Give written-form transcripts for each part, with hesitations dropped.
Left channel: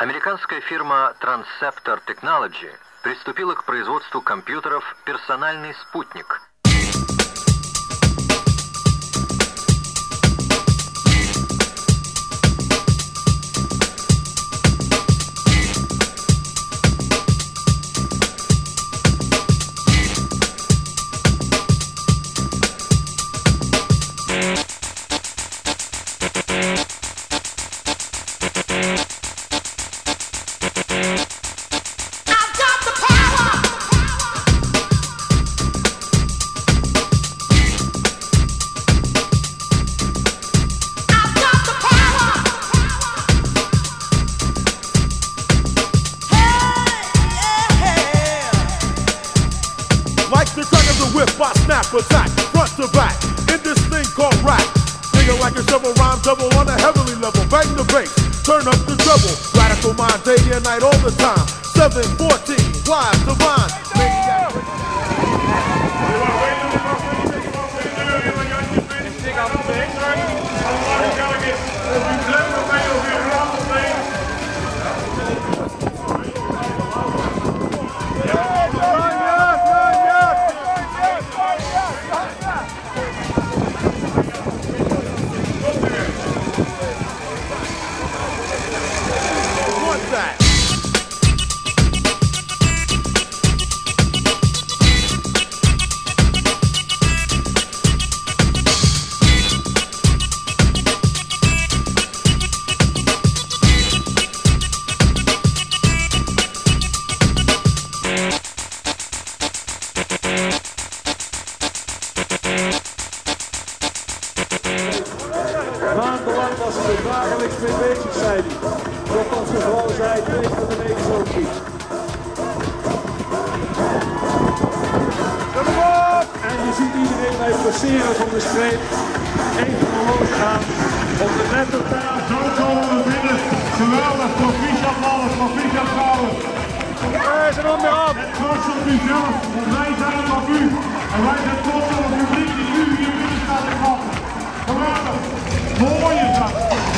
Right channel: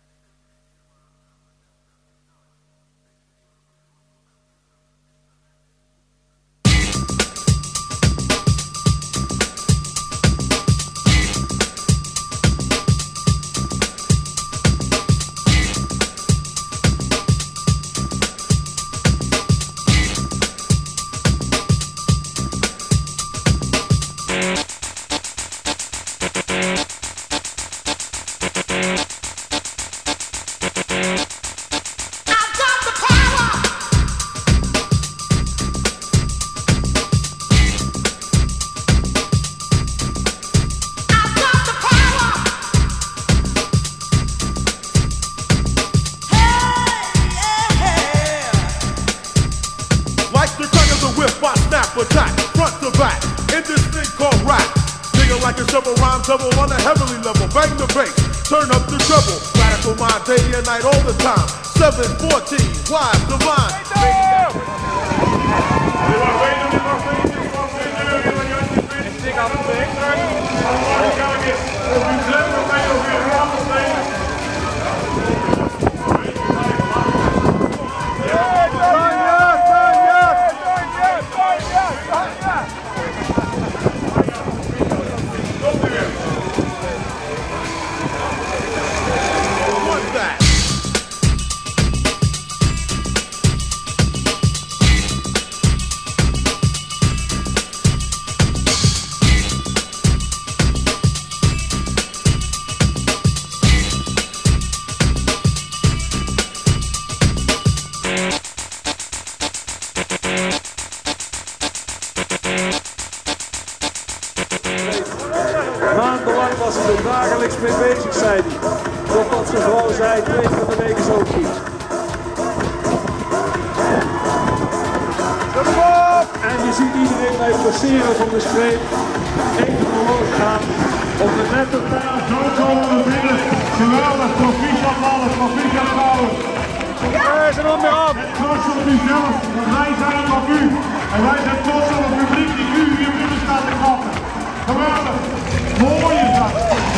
Американская фирма Transceptor Technology приступила к производству компьютеров «Персональный спутник». Maandenlang was ze er dagelijks mee bezig, zei hij. Totdat ze gewoon zei, 2 van de week is ook goed. En je ziet iedereen bij het passeren van de streep even omhoog gaan. Op de lettertaal. Zo komen we binnen. Geweldig, proficiat mannen, proficiat vrouwen. Ja, ze nog meer af. En trots op uzelf, want wij zijn op u. En wij zijn trots op het publiek die u hier binnen staat te wachten. Geweldig. Mooi is dat.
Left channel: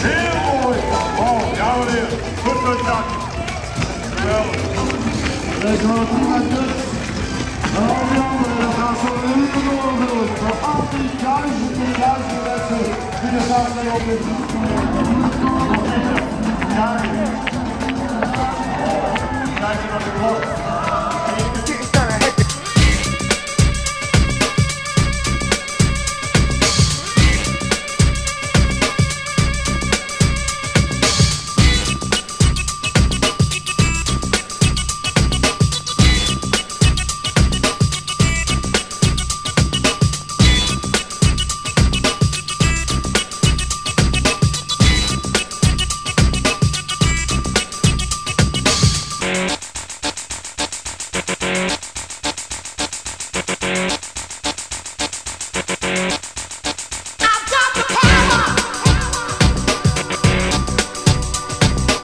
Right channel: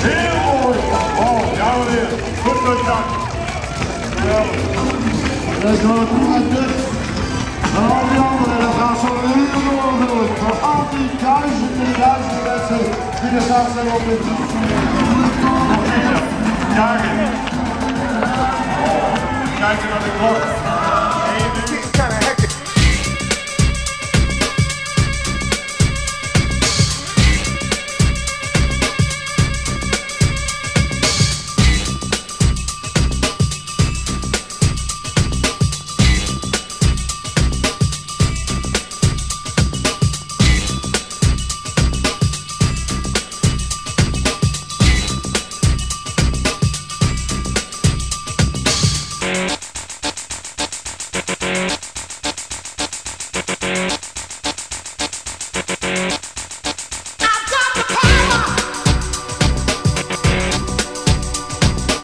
Heel mooi. Oh, ja meneer. Goed gedaan. Geweldig. Dat is wel een goed uitdruk. En al die anderen, dat gaat zo een uur door natuurlijk. Voor al die duizenden mensen die er samen zijn op dit.